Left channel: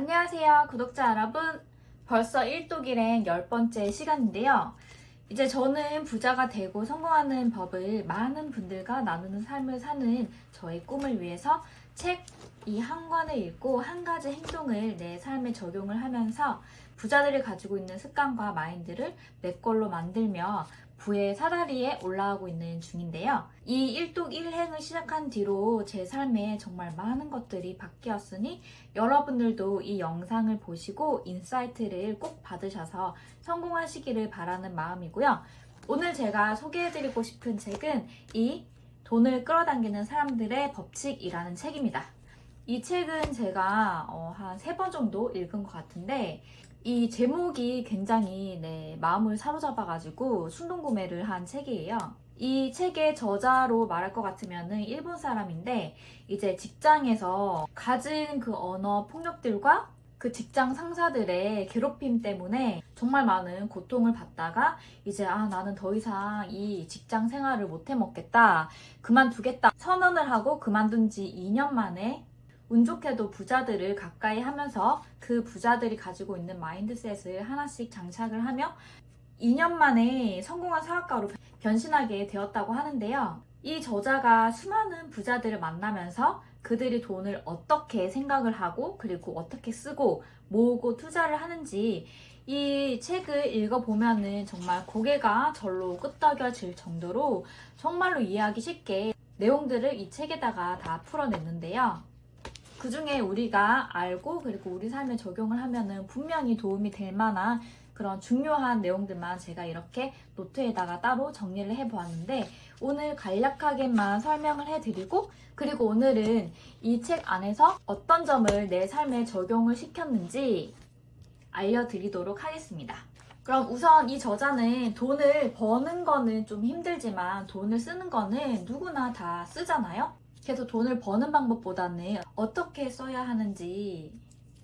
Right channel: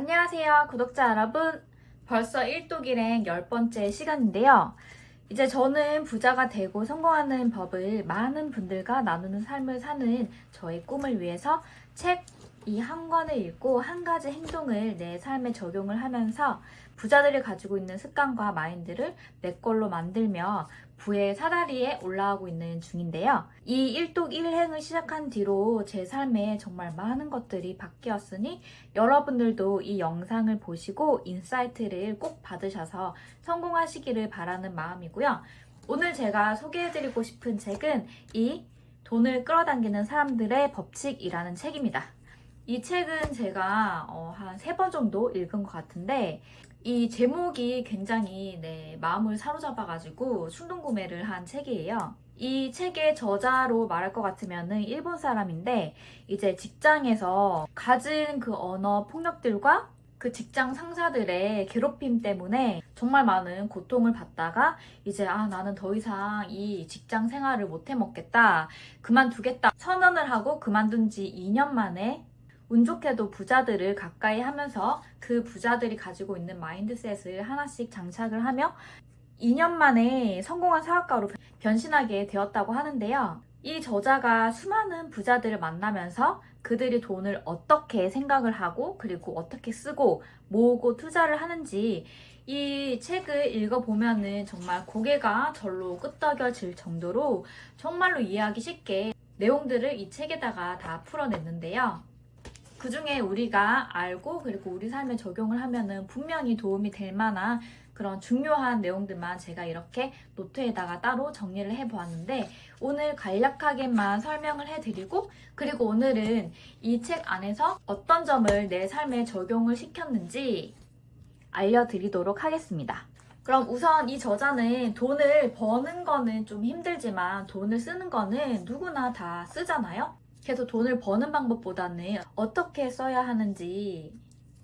안녕하세요, 구독자 여러분. 벌써 일독일행 10번째 시간인데요. 이제 저는 부자가 되고 성공하는 법을 많은 분들과 나누는 삶을 사는 저의 꿈을 위해서 책 이 한 권을 읽고 한 가지 행동을 내 삶에 적용을 하면서 부자들이 가지고 있는 습관과 마인드를 내 걸로 만들며 부의 사다리에 올라가고 있는 중인데요. 이 일독일행을 시작한 뒤로 제 삶에 정말 많은 것들이 바뀌었으니 여러분들도 이 영상을 보시고 인사이트를 꼭 받으셔서 성공하시기를 바라는 마음이고요. 오늘 제가 소개해드리고 싶은 책은 이 돈을 끌어당기는 사람들의 법칙이라는 책입니다. 이 책은 제가 한 3번 정도 읽은 것 같은데 이 제목이 굉장히 내 마음을 사로잡아가지고 충동구매를 한 책이에요. 이 책의 저자로 말할 것 같으면은 일본 사람인데 이제 직장에서 가진 그 언어 폭력들과 그 직장 상사들의 괴롭힘 때문에 정말 많은 고통을 받다가 이제 나는 더 이상 이 직장 생활을 못 해먹겠다, 그만두겠다 선언을 하고 그만둔 지 2년 만에 운 좋게도 부자들을 가까이 하면서 그 부자들이 가지고 있는 마인드셋을 하나씩 장착을 하며 2년 만에 성공한 사업가로 변신하게 되었다고 하는데요. 이 저자가 수많은 부자들을 만나면서 그들이 돈을 어떻게 생각을 하고 그리고 어떻게 쓰고 모으고 투자를 하는지 이 책을 읽어보면은 정말 고개가 절로 끄덕여질 정도로 정말로 이해하기 쉽게 내용들을 이 책에다가 다 풀어냈는데요. 그 중에 우리가 알고 그리고 우리 삶에 적용을 하면은 분명히 도움이 될 만한 그런 중요한 내용들만 제가 이렇게 노트에다가 따로 정리를 해보았는데 오늘 간략하게만 설명을 해드리고 그리고 오늘은 이 책 안에서 어떤 점을 내 삶에 적용을 시켰는지 알려드리도록 하겠습니다. 그럼 우선 이 저자는 돈을 버는 거는 좀 힘들지만 돈을 쓰는 거는 누구나 다 쓰잖아요. 그래서 돈을 버는 방법보다는 어떻게 써야 하는지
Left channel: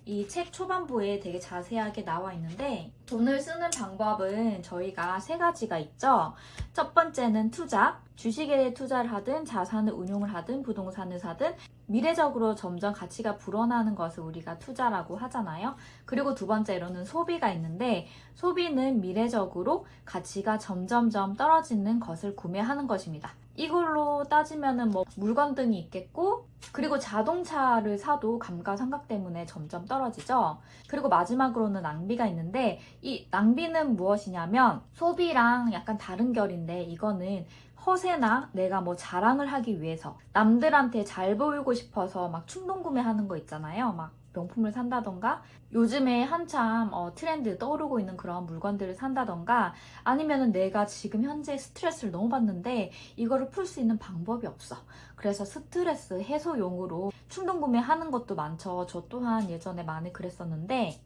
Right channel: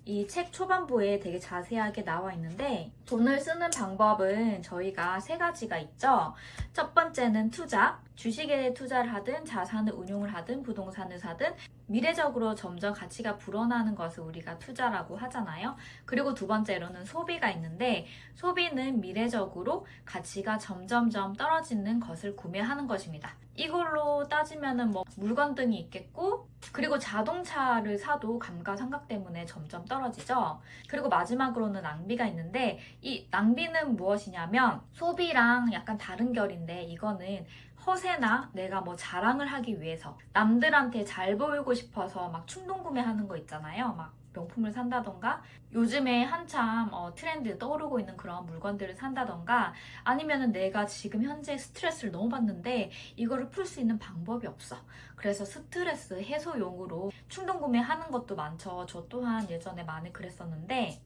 이 책 초반부에 되게 자세하게 나와 있는데 돈을 쓰는 방법은 저희가 3가지가 있죠. 첫 번째는 투자, 주식에 투자를 하든 자산을 운용을 하든 부동산을 사든 미래적으로 점점 가치가 불어나는 것을 우리가 투자라고 하잖아요. 그리고 두 번째로는 소비가 있는데 소비는 미래적으로 가치가 점점점 떨어지는 것을 구매하는 것입니다. 이걸로 따지면은 물건 등이 있겠고 그리고 자동차를 사도 감가상각 때문에 점점 떨어지죠. 그리고 마지막으로는 낭비가 있는데 이 낭비는 무엇이냐면 소비랑 약간 다른 결인데 이거는 허세나 내가 자랑을 하기 위해서 남들한테 잘 보이고 싶어서 막 충동 구매하는 거 있잖아요. 막 명품을 산다던가 요즘에 한참 트렌드 떠오르고 있는 그런 물건들을 산다던가 아니면은 내가 지금 현재 스트레스를 너무 받는데 이거를 풀 수 있는 방법이 없어. 그래서 스트레스 해소용으로 충동 구매하는 것도 많죠. 저 또한 예전에 많이 그랬었는데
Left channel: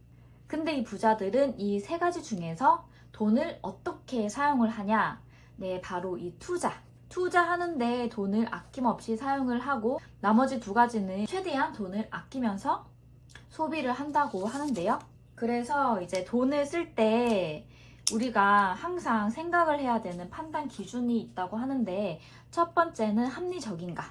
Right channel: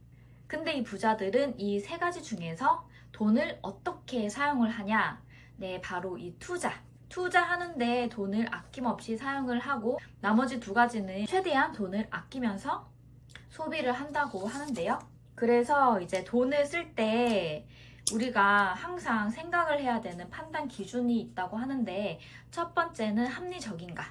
근데 이 부자들은 이 3가지 중에서 돈을 어떻게 사용을 하냐? 네, 바로 이 투자. 투자하는데 돈을 아낌없이 사용을 하고 나머지 2가지는 최대한 돈을 아끼면서 소비를 한다고 하는데요. 그래서 이제 돈을 쓸 때 우리가 항상 생각을 해야 되는 판단 기준이 있다고 하는데 첫 번째는 합리적인가?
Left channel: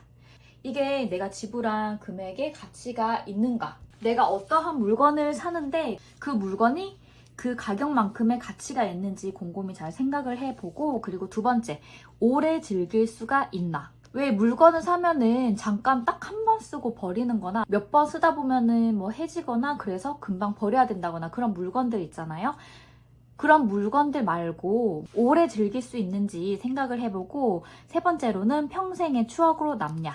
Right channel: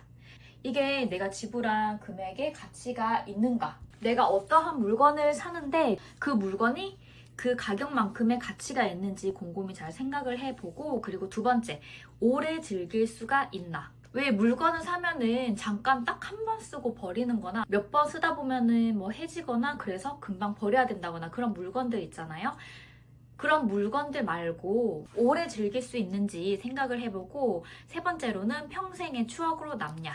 이게 내가 지불한 금액의 가치가 있는가? 내가 어떠한 물건을 사는데 그 물건이 그 가격만큼의 가치가 있는지 곰곰이 잘 생각을 해보고 그리고 2번째, 오래 즐길 수가 있나? 왜 물건을 사면은 잠깐 딱 한 번 쓰고 버리는 거나 몇 번 쓰다 보면은 해지거나 그래서 금방 버려야 된다거나 그런 물건들 있잖아요. 그런 물건들 말고 오래 즐길 수 있는지 생각을 해보고 3번째로는 평생의 추억으로 남냐.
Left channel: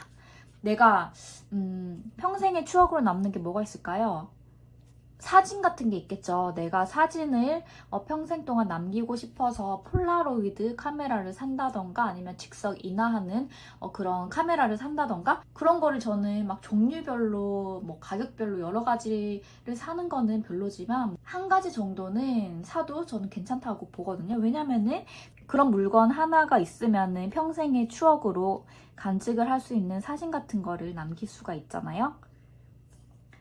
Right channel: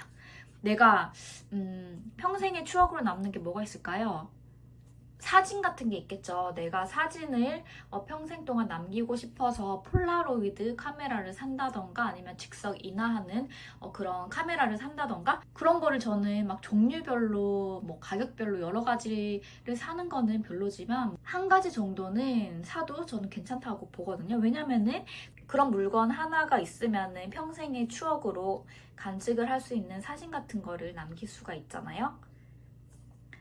내가 평생의 추억으로 남는 게 뭐가 있을까요? 사진 같은 게 있겠죠. 내가 사진을 평생 동안 남기고 싶어서 폴라로이드 카메라를 산다던가 아니면 즉석 인화하는 그런 카메라를 산다던가 그런 거를 저는 막 종류별로 가격별로 여러 가지를 사는 거는 별로지만 한 가지 정도는 사도 저는 괜찮다고 보거든요. 왜냐면은 그런 물건 하나가 있으면은 평생의 추억으로 간직을 할 수 있는 사진 같은 거를 남길 수가 있잖아요.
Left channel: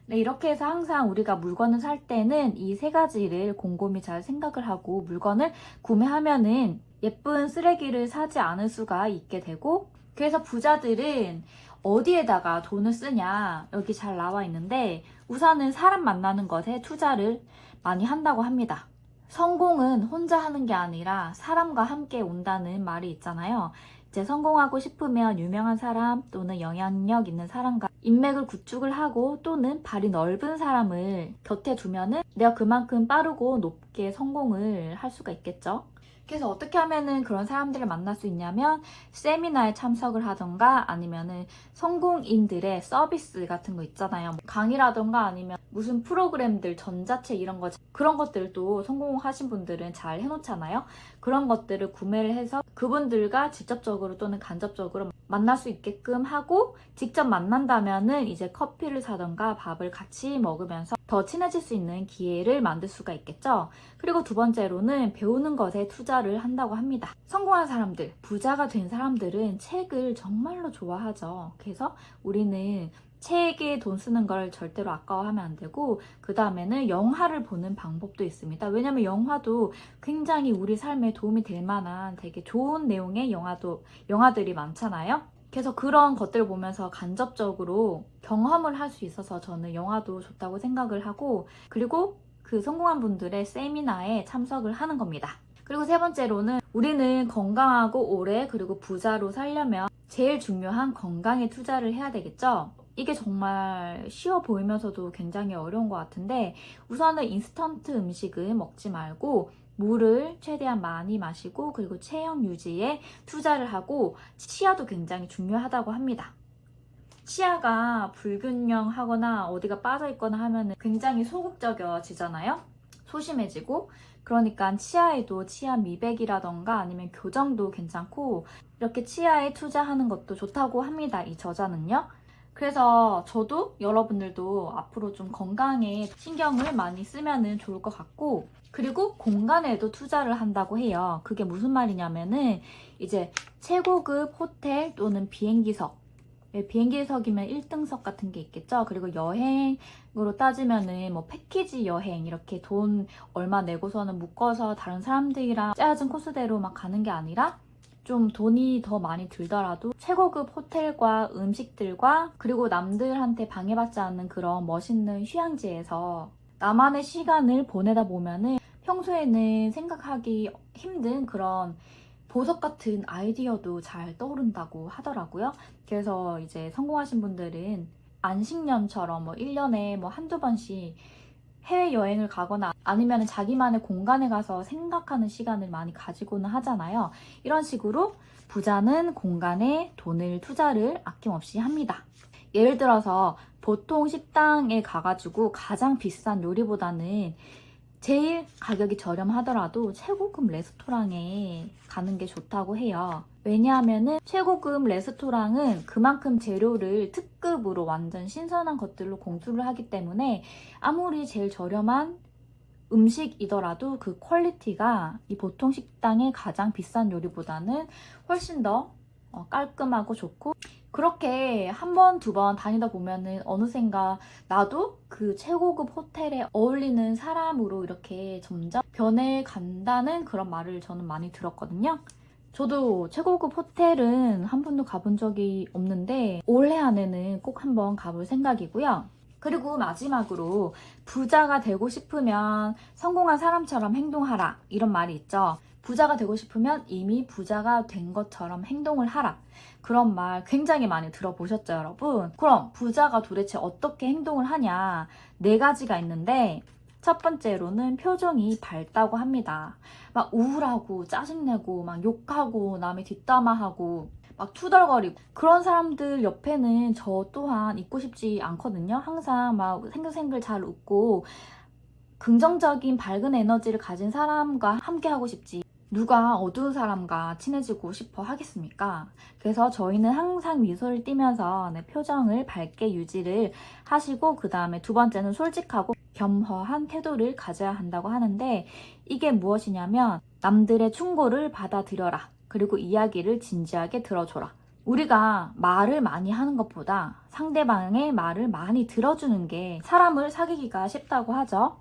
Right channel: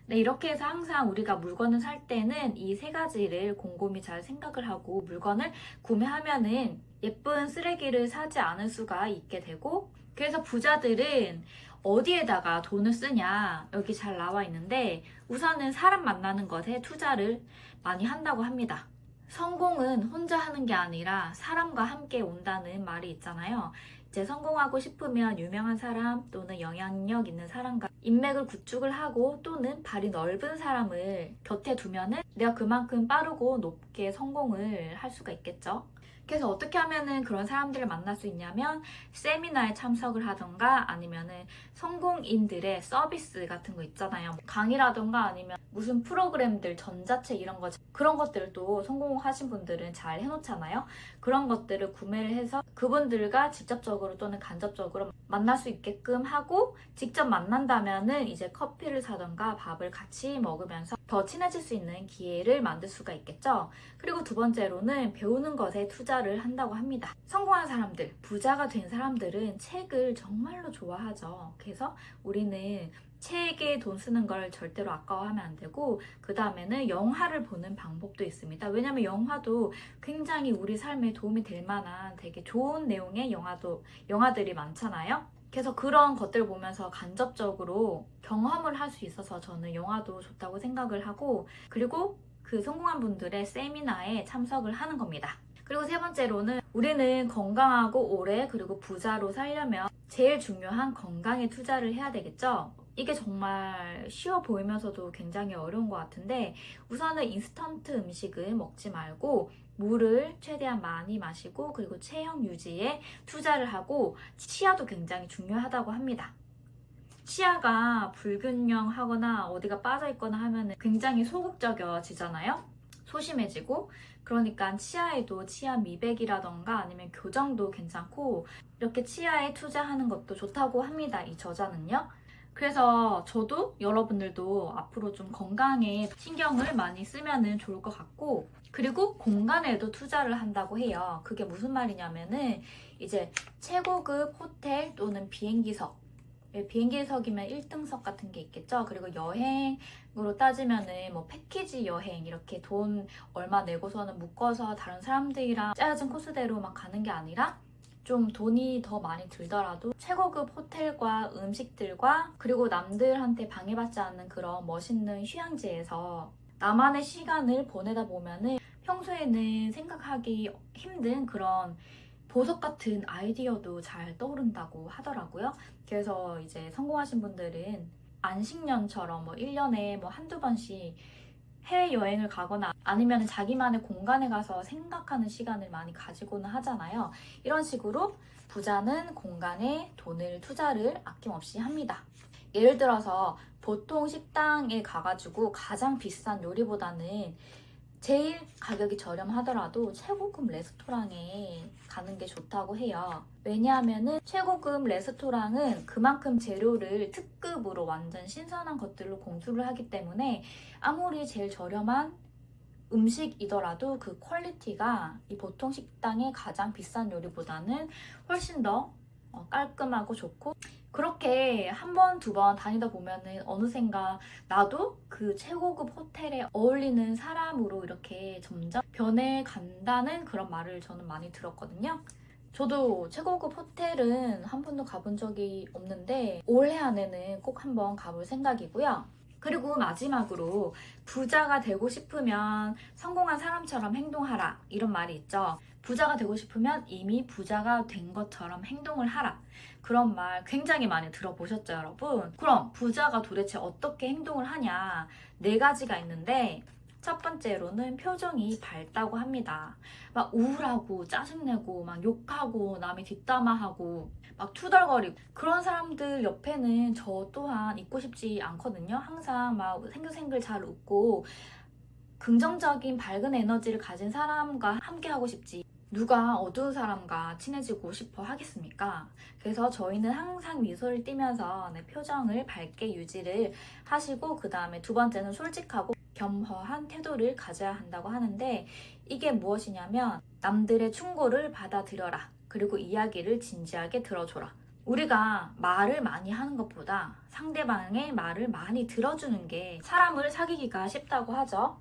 네, 이렇게 해서 항상 우리가 물건을 살 때는 이 3가지를 곰곰이 잘 생각을 하고 물건을 구매하면은 예쁜 쓰레기를 사지 않을 수가 있게 되고 그래서 부자들은 어디에다가 돈을 쓰냐 여기 잘 나와 있는데 우선은 사람 만나는 것에 투자를 많이 한다고 합니다. 성공은 혼자 하는 게 아니라 사람과 함께 온다는 말이 있잖아요. 이제 성공하고 싶으면 유명한 사람 또는 영향력 있는 사람과 인맥을 구축을 하고 또는 발이 넓은 사람을 곁에 두면은 내가 그만큼 빠르고 높게 성공을 할 수가 있겠죠. 그래서 어떻게 하면은 그런 사람들을 만날 수 있냐면 세미나에 참석을 하던가 아니면은 성공인들의 서비스 같은 거 있잖아요. 강의라던가 아니면 무슨 프로그램들, 전자책 이런 거 그런 것들도 성공하신 분들은 잘 해놓잖아요. 그런 것들을 구매를 해서 그분들과 직접적으로 또는 간접적으로 만날 수 있게끔 하고 직접 만난다면은 이제 커피를 사던가 밥을 같이 먹으면서 더 친해질 수 있는 기회를 만들 수가 있겠죠. 그리고 두 번째로는 배우는 것에 투자를 한다고 합니다. 성공한 사람들, 부자가 된 사람들은 책을 정말로 좋아하죠. 그래서 우리는 책에 돈 쓰는 걸 절대로 아까워하면 안 되고 그 다음에는 영화를 보는 방법도 있습니다. 왜냐면 영화도 굉장히 우리 삶에 도움이 될 만한 되게 좋은 내용의 영화들이 많잖아요. 그래서 그런 것들을 보면서 간접적으로 경험을 할 수 있어서 저는 영화도 좋다고 생각을 하고 그리고 그 성공한 분들의 세미나에 참석을 하는 겁니다. 그리고 세 번째로는 우리는 건강하고 오래 그리고 부자로 살려면 제일 중요한 건강에 투자를 해야 되겠죠. 이게 정말 쉬워 보이면서도 굉장히 어려운 것 같은데 우선은 인스턴트 음식을 먹지 말고 물을 최대한 많이 마시고 그리고 체형 유지에 투자를 하고 치아도 굉장히 중요하다고 합니다. 치아가 불균형하거나 어디가 빠져있거나 하면 굉장히 소극적이어지잖아요. 소심해지고 그러니까 치아에도 치아 미백이라던가 아니면 교정도 괜찮고 이렇게 치아에 투자하는 것도 좋다고 합니다. 이 저자는요. 그래서 저도 여러분들도 앞으로 좀 건강에 신경을 많이 쓰면 좋을 것 같고 그리고 공간에도 투자를 한다고 해요. 그게 무슨 말이냐면은 이제 최고급 호텔 또는 비행기석 비행기석이면 1등석 같은 게 있겠죠. 그리고 여행으로 따지면은 뭐 패키지 여행 이렇게 돈 얼마 내고서는 묶어서 다른 사람들이랑 짜여진 코스대로 막 가는 게 아니라 좀 돈이 더 많이 들더라도 최고급 호텔과 음식들과 그리고 남들한테 방해받지 않는 그런 멋있는 휴양지에서 나만의 시간을 보내다 보면은 평소에는 생각하기 힘든 그런 보석 같은 아이디어도 잘 떠오른다고 하더라고요. 그래서 이제 성공하신 분들은 안식년처럼 뭐 1년에 뭐 한두 번씩 해외여행을 가거나 아니면 자기만의 공간에 가서 생각하는 시간을 많이 가지고는 하잖아요. 이런 식으로 부자는 공간에 돈을 투자를 아낌없이 합니다. 예를 들어서 보통 식당에 가가지고 가장 비싼 요리보다는 제일 가격이 저렴하더라도 최고급 레스토랑에 가는 게 좋다고 해요. 왜냐하면은 최고급 레스토랑은 그만큼 재료를 특급으로 완전 신선한 것들로 공수를 하기 때문에 아무리 제일 저렴한 음식이더라도 그 퀄리티가 이 보통 식당의 가장 비싼 요리보다는 훨씬 더 깔끔하고 좋고 그렇게 한 번, 두 번 다니다 보면은 어느샌가 나도 그 최고급 호텔에 어울리는 사람으로 이렇게 점점 변해간다는 그런 말을 저는 많이 들었거든요. 저도 최고급 호텔은 한 번도 가본 적이 없는데 올해 안에는 꼭 한번 가볼 생각이고요. 그리고 마지막으로 부자가 되고 싶으면 성공한 사람처럼 행동하라 이런 말이 있죠. 부자가 되고 싶으면 이미 부자가 된 것처럼 행동을 하라. 그런 말 굉장히 많이 들어보셨죠, 여러분? 그럼 부자가 도대체 어떻게 행동을 하냐? 4가지가 있는데 첫 번째로는 표정이 밝다고 합니다. 막 우울하고 짜증내고 막 욕하고 남의 뒷담화하고 막 투덜거리고 그런 사람들 옆에는 저 또한 있고 싶지 않거든요. 항상 막 생글생글 잘 웃고 긍정적인 밝은 에너지를 가진 사람과 함께 하고 싶지 누가 어두운 사람과 친해지고 싶어 하겠습니까? 그래서 저희는 항상 미소를 띠면서 표정을 밝게 유지를 하시고 그 다음에 두 번째는 솔직하고 겸허한 태도를 가져야 한다고 하는데 이게 무엇이냐면 남들의 충고를 받아들여라. 그리고 이야기를 진지하게 들어줘라. 우리가 말을 많이 하는 것보다 상대방의 말을 많이 들어주는 게 사람을 사귀기가 쉽다고 하죠.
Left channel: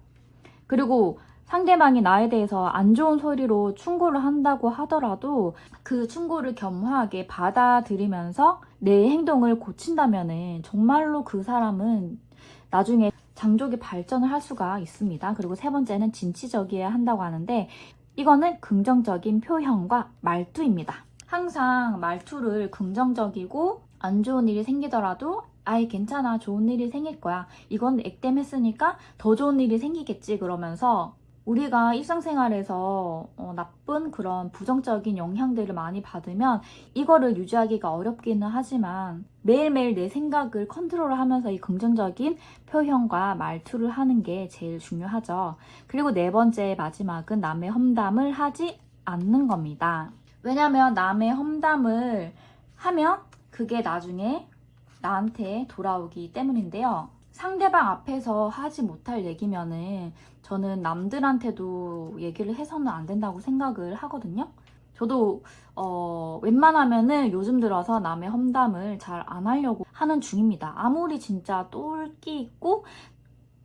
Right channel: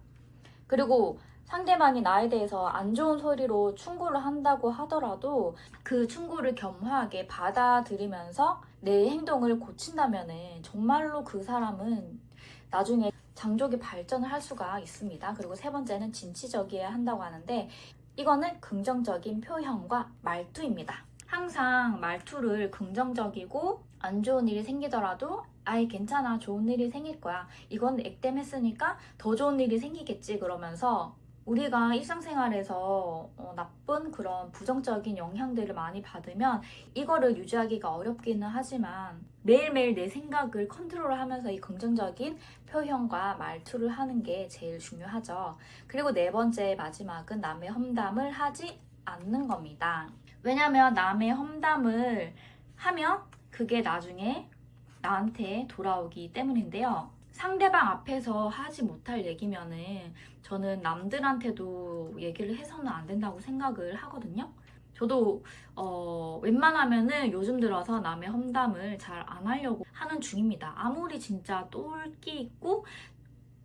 그리고 상대방이 나에 대해서 안 좋은 소리로 충고를 한다고 하더라도 그 충고를 겸허하게 받아들이면서 내 행동을 고친다면은 정말로 그 사람은 나중에 장족의 발전을 할 수가 있습니다. 그리고 세 번째는 진취적이어야 한다고 하는데 이거는 긍정적인 표현과 말투입니다. 항상 말투를 긍정적이고 안 좋은 일이 생기더라도 아이 괜찮아 좋은 일이 생길 거야 이건 액땜했으니까 더 좋은 일이 생기겠지 그러면서 우리가 일상생활에서 나쁜 그런 부정적인 영향들을 많이 받으면 이거를 유지하기가 어렵기는 하지만 매일매일 내 생각을 컨트롤하면서 이 긍정적인 표현과 말투를 하는 게 제일 중요하죠. 그리고 네 번째 마지막은 남의 험담을 하지 않는 겁니다. 왜냐면 남의 험담을 하면 그게 나중에 나한테 돌아오기 때문인데요. 상대방 앞에서 하지 못할 얘기면은 저는 남들한테도 얘기를 해서는 안 된다고 생각을 하거든요. 저도 웬만하면은 요즘 들어서 남의 험담을 잘 안 하려고 하는 중입니다. 아무리 진짜 똘끼 있고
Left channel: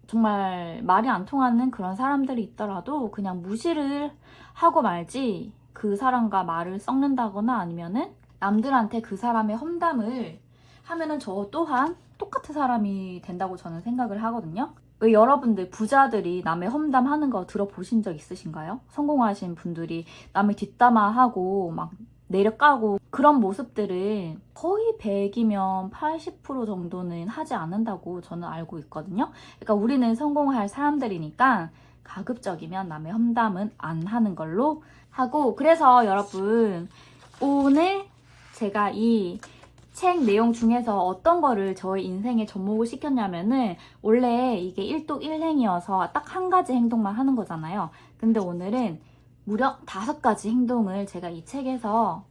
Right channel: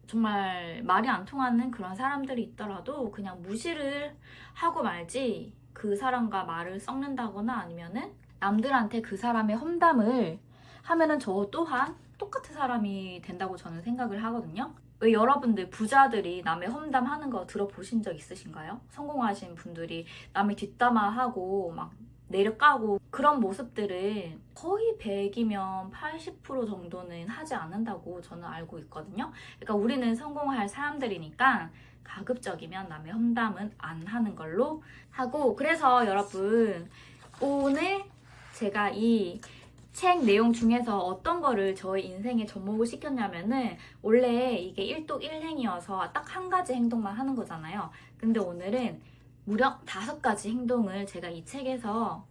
정말 말이 안 통하는 그런 사람들이 있더라도 그냥 무시를 하고 말지 그 사람과 말을 섞는다거나 아니면은 남들한테 그 사람의 험담을 하면은 저 또한 똑같은 사람이 된다고 저는 생각을 하거든요. 왜 여러분들 부자들이 남의 험담하는 거 들어보신 적 있으신가요? 성공하신 분들이 남의 뒷담화하고 막 내려까고 그런 모습들은 거의 100이면 80% 정도는 하지 않는다고 저는 알고 있거든요. 그러니까 우리는 성공할 사람들이니까 가급적이면 남의 험담은 안 하는 걸로 하고 그래서 여러분 오늘 제가 이 책 내용 중에서 어떤 거를 저의 인생에 접목을 시켰냐면은 원래 이게 일독일행이어서 딱 한 가지 행동만 하는 거잖아요. 근데 오늘은 무려 5가지 행동을 제가 이 책에서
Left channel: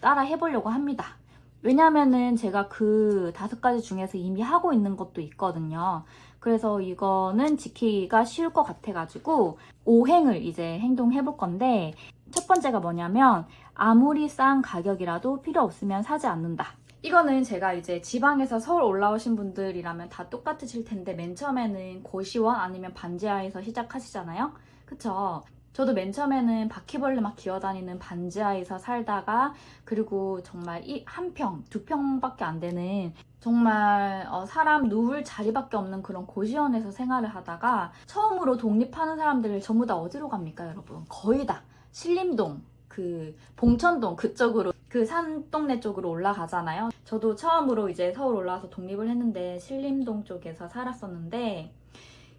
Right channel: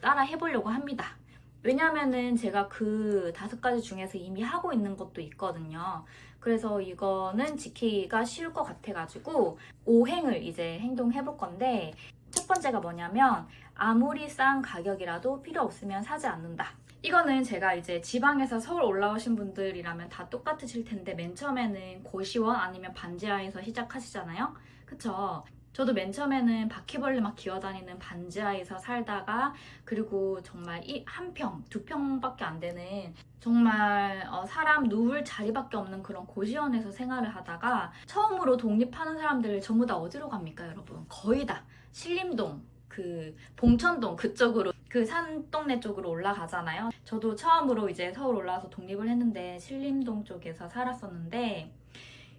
따라 해보려고 합니다. 왜냐면은 제가 그 5가지 중에서 이미 하고 있는 것도 있거든요. 그래서 이거는 지키기가 쉬울 것 같아가지고 5행을 이제 행동해 볼 건데 첫 번째가 뭐냐면 아무리 싼 가격이라도 필요 없으면 사지 않는다. 이거는 제가 이제 지방에서 서울 올라오신 분들이라면 다 똑같으실 텐데 맨 처음에는 고시원 아니면 반지하에서 시작하시잖아요. 그쵸? 저도 맨 처음에는 바퀴벌레 막 기어다니는 반지하에서 살다가 그리고 정말 한 평, 2평밖에 안 되는 정말 사람 누울 자리밖에 없는 그런 고시원에서 생활을 하다가 처음으로 독립하는 사람들 전부 다 어디로 갑니까 여러분? 거의 다 신림동, 그 봉천동 그쪽으로 그 산동네 쪽으로 올라가잖아요. 저도 처음으로 이제 서울 올라와서 독립을 했는데 신림동 쪽에서 살았었는데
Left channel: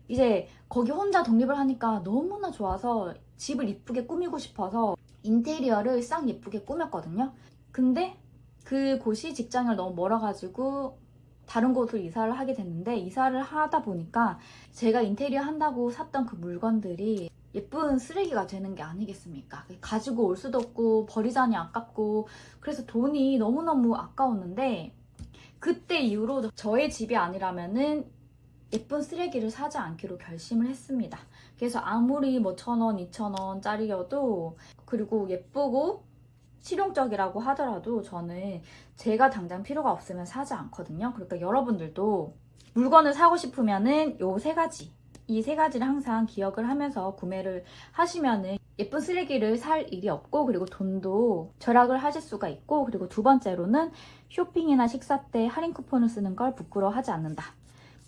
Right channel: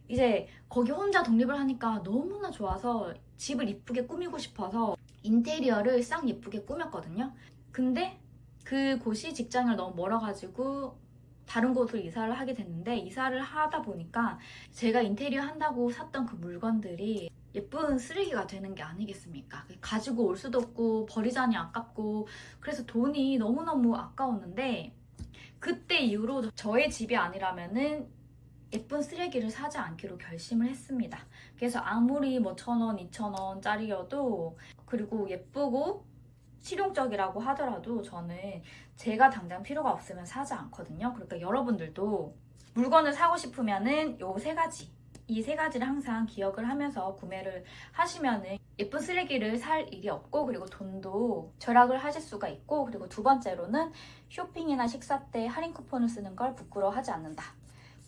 이제 거기 혼자 독립을 하니까 너무나 좋아서 집을 이쁘게 꾸미고 싶어서 인테리어를 싹 예쁘게 꾸몄거든요. 근데 그 곳이 직장을 너무 멀어가지고 다른 곳으로 이사를 하게 됐는데 이사를 하다 보니까 제가 인테리어 한다고 샀던 그 물건들이 예쁜 쓰레기가 되는 게 아니겠습니까? 가지고 올 수도 없고 버리자니 아깝고 그래서 돈이 너무너무 아까웠는데 그때 이후로 저의 집이 아니라면은 예쁜 쓰레기를 사지 않기로 결심을 했습니다. 그래서 아무리 뭐 1,000원, 2,000원짜리여도 그리고 예쁘고 실용적이라고 하더라도 저는 제가 당장 필요가 없으면 사지 않거든요. 그러니까 여러분들도 물건을 사고 싶으면은 요 3가지 이 3가지를 항상 기억을 하면서 구매를 하시면은 예쁜 쓰레기를 살 일이 없고 그리고 돈도 절약을 하실 수가 있고 그리고 두 번째로는 쇼핑이나 식사 때 할인 쿠폰을 쓰는 걸 부끄러워하지 않는다.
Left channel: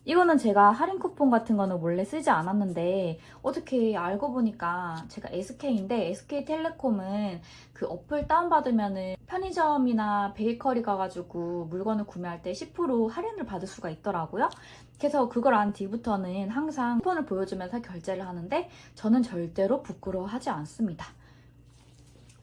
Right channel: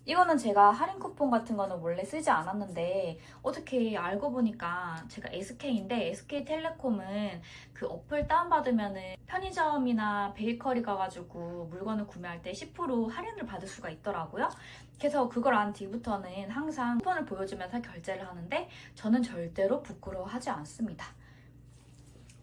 이거는 제가 할인 쿠폰 같은 거는 원래 쓰지 않았는데 어떻게 알고 보니까 제가 SK인데 SK텔레콤은 그 어플 다운받으면은 편의점이나 베이커리 가가지고 물건을 구매할 때 10% 할인을 받을 수가 있더라고요. 그래서 그걸 안 뒤부터는 항상 쿠폰을 보여주면서 결제를 하는데 저는 절대로 부끄러워하지 않습니다.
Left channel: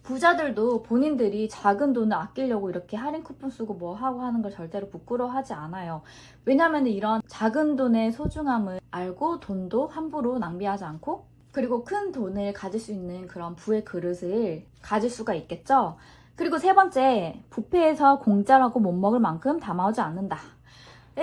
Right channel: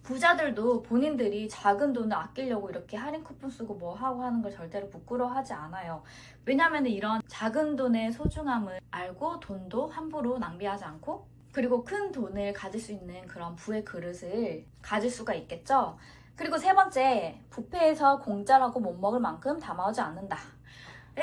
부자들도 본인들이 작은 돈을 아끼려고 이렇게 할인 쿠폰 쓰고 뭐 하고 하는 걸 절대로 부끄러워하지 않아요. 왜냐면 이런 작은 돈의 소중함을 알고 돈도 함부로 낭비하지 않고 그리고 큰 돈을 가질 수 있는 그런 부의 그릇을 가질 수가 있겠죠. 그리고 세 번째, 뷔페에서 공짜라고 못 먹을 만큼 담아오지 않는다.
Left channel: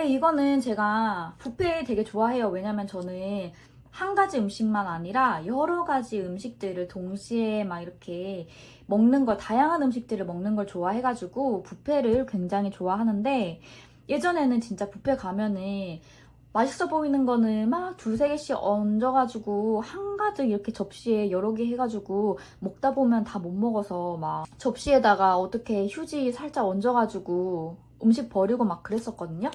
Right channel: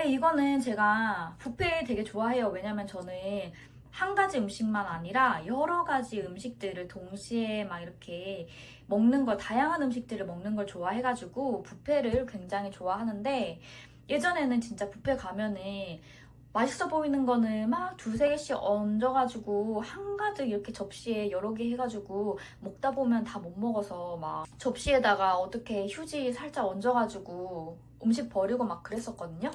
이거는 제가 뷔페 되게 좋아해요. 왜냐면 저는 한 가지 음식만 아니라 여러 가지 음식들을 동시에 막 이렇게 먹는 걸, 다양한 음식들을 먹는 걸 좋아해가지고 뷔페를 굉장히 좋아하는데 예전에는 진짜 뷔페 가면은 맛있어 보이는 거는 막 2-3개씩 얹어가지고 한가득 이렇게 접시에 여러 개 해가지고 먹다 보면 다 못 먹어서 막 접시에다가 어떻게 휴지 살짝 얹어가지고 음식 버리고 막 그랬었거든요.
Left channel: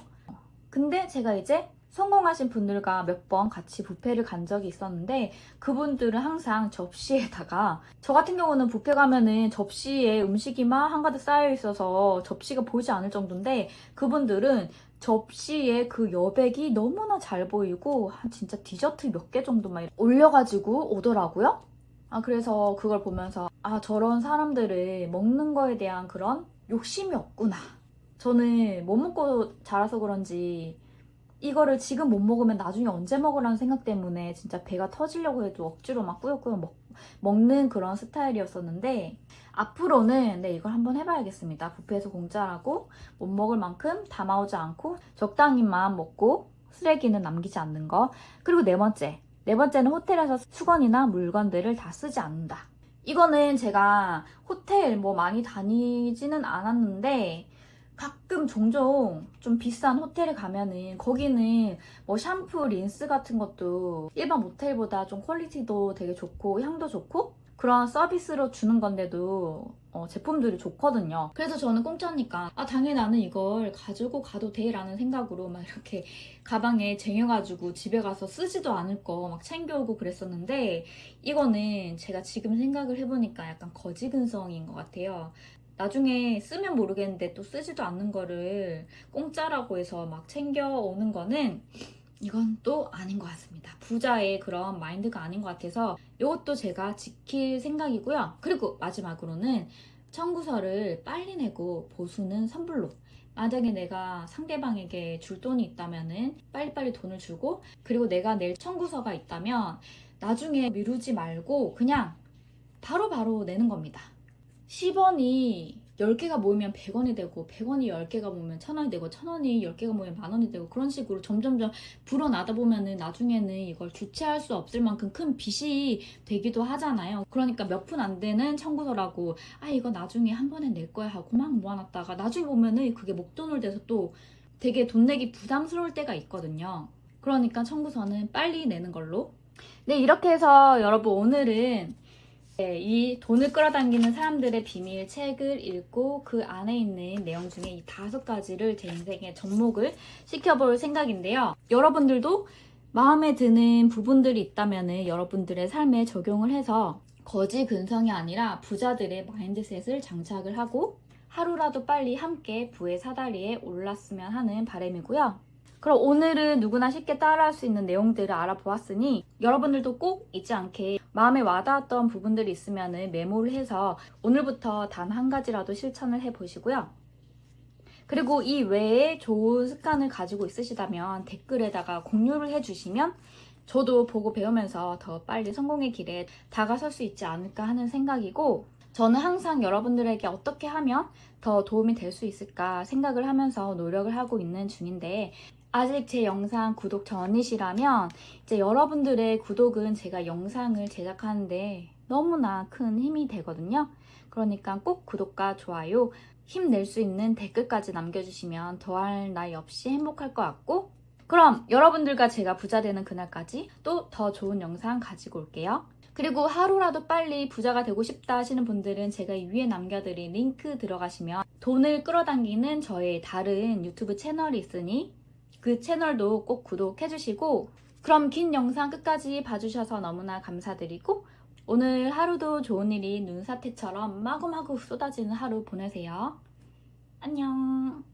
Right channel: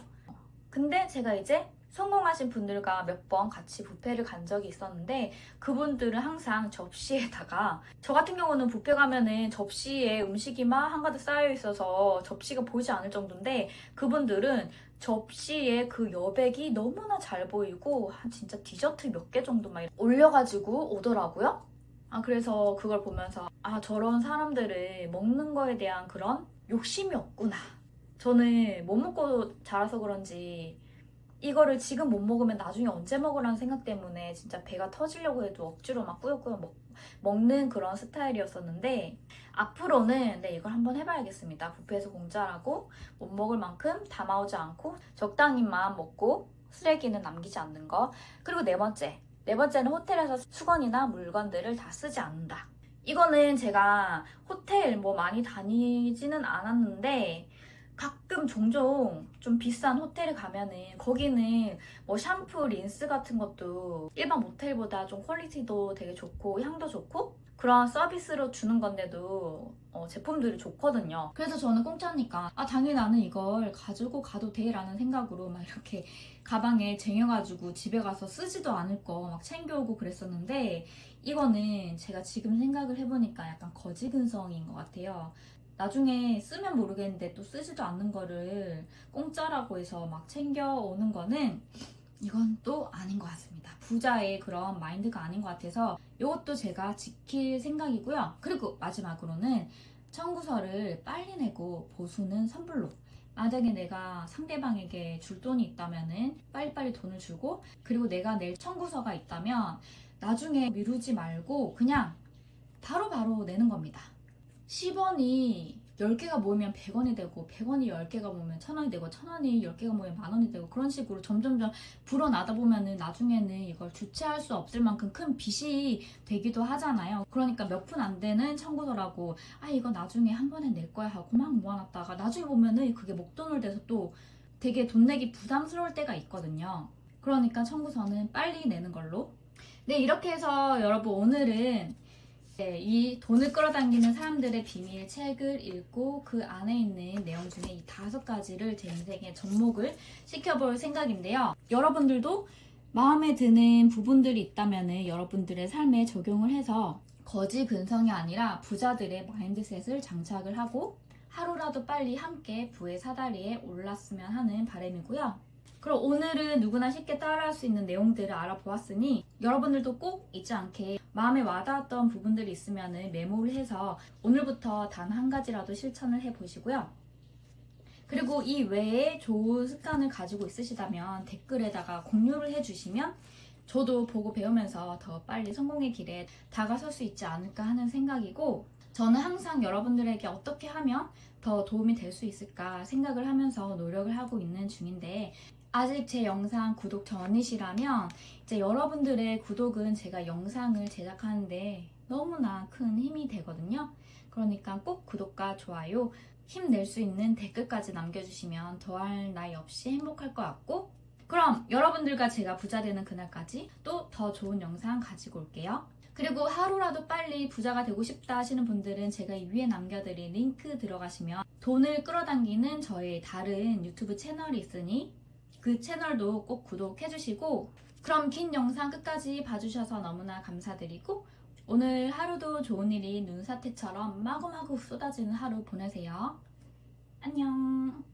근데 제가 이제 성공하신 분들과 몇 번 같이 뷔페를 간 적이 있었는데 그분들은 항상 접시에다가, 저 같은 경우는 뷔페 가면은 접시에 음식이 막 한가득 쌓여 있어서 접시가 보이지 않을 정도인데 그분들은 접시에 그 여백이 너무나 잘 보이고 한 진짜 디저트 몇 개 정도만 올려가지고 오더라고요. 그래서 그걸 보면서 저런 사람들을 먹는 거에 대한 그런 욕심이 없구나. 저는 못 먹고 자라서 그런지 이거를 지금 못 먹으면 나중에 언제 먹으라는 생각 때문에 진짜 배가 터지려고 해도 억지로 막 꾸역꾸역 먹는 그런 스타일이었었는데, 앞으로는 이걸 한번 해봐야겠습니다. 뷔페에서 공짜라고 못 먹을 만큼 담아오지 않고 적당히만 먹고 쓰레기는 남기지 않는 거. 그리고 네 번째는 호텔에서 수건이나 물건들을 다 쓰지 않는다. 이거는 제가 호텔 뭐 많이 다니지는 않았는데 가끔 종종 좀 비싼 호텔에 가면은 거기는 뭐 샴푸, 린스 같은 것도 일반 모텔보다 좀 퀄리티도 되게 좋고 향도 좋고 그런 서비스로 주는 건데도 제품들이 좋거든요. 그래서 저는 공짜니까 당연히 나는 이걸 가지고 가도 돼 라는 생각으로 막 이렇게 가방에 쟁여가지고 집에 가서 쓰지도 않을 거 막 챙겨오고 그랬었는데, 이거는 제가 지금 생각을 해보니까 약간 거지근성인 것 같아요. 나중에 쓰면 모르겠는데 또 쓰지도 않는 거를 공짜라고 해서 막 챙겨오는 거는 이건 또 아닌 것 같습니다. 부자의 그런 마인드가 아닌 것 같아서 이것도 제가 지킬 생각이고요. 그리고 마지막으로는 청구서를 빨리 내고 보수는 선불로. 만약에 내가 상대방에게 줄 돈이 있다면은 빨리빨리 돈을 주고, 그리고 내가 낼 청구서가 있다면 나중에 미루지 말고 그냥 바로바로 내는 겁니다. 10원이 10개가 모이면 100원이 되고 100원이 10개가 모이면 1000원이 되고 1000원이 10개가 모이면 만원이 되고 그런 식으로 점점점 불어나다 보면은 나중에는 이걸 주체할 수 없을 만큼 큰 빚이 되기도 하잖아요. 그러니까 몇 푼 안 되는 청구서라고 이거 나중에 한 번에 낼 거야 하고 막 모아놨다가 나중에 보면은 그게 목돈을 돼서 또 되게 돈 내기 부담스러울 때가 있거든요. 그러니까 청구서는 빨리 내는 걸로. 네, 이렇게 해서 여러분 오늘은 이 돈을 끌어당기는 사람들의 비밀 책을 읽고 그 안에 있는 내용 중에 이 5가지를 제 인생에 접목을 시켜볼 생각인데요. 여러분들도 마음에 드는 부분들이 있다면 여러분들의 삶에 적용을 해서 거지 근성이 아니라 부자들의 마인드셋을 장착을 하고 하루라도 빨리 함께 부의 사다리에 올랐으면 하는 바람이고요. 그럼 오늘은 누구나 쉽게 따라할 수 있는 내용들을 알아보았으니 여러분들도 꼭 잊지 않게 마음에 와닿았던 부분들이 있으면 메모를 해서 오늘부터 단 한 가지라도 실천을 해보시고요. 그리고 이 외에 좋은 습관을 가지고 있으시다면 댓글에다가 공유를 해주시면 저도 보고 배우면서 더 빨리 성공의 길에 다가설 수 있지 않을까 하는 생각이고, 저는 항상 여러분들에게 어떻게 하면 더 도움이 될 수 있을까 생각을 하면서 노력을 하고 있는 중인데, 아직 제 영상 구독 전이시라면 이제 여러분들의 구독은 제가 영상을 제작하는데 너무나 큰 힘이 되거든요. 그러니까 꼭 구독과 좋아요, 힘낼 수 있는 댓글까지 남겨주시면 더할 나위 없이 행복할 것 같고, 그럼 여러분들과 제가 부자 되는 그날까지 또 더 좋은 영상 가지고 올게요. 그리고 하루라도 빨리 부자가 되고 싶다 하시는 분들은 제가 이 위에 남겨드린 링크 들어가시면 돈을 끌어당기는 저의 다른 유튜브 채널이 있으니 그 채널도 꼭 구독해주시고, 그럼 긴 영상 끝까지 봐주셔서 너무나 감사드리고 오늘 하루도 좋은 일이 눈사태처럼 마구마구 쏟아지는 하루 보내세요. 안녕.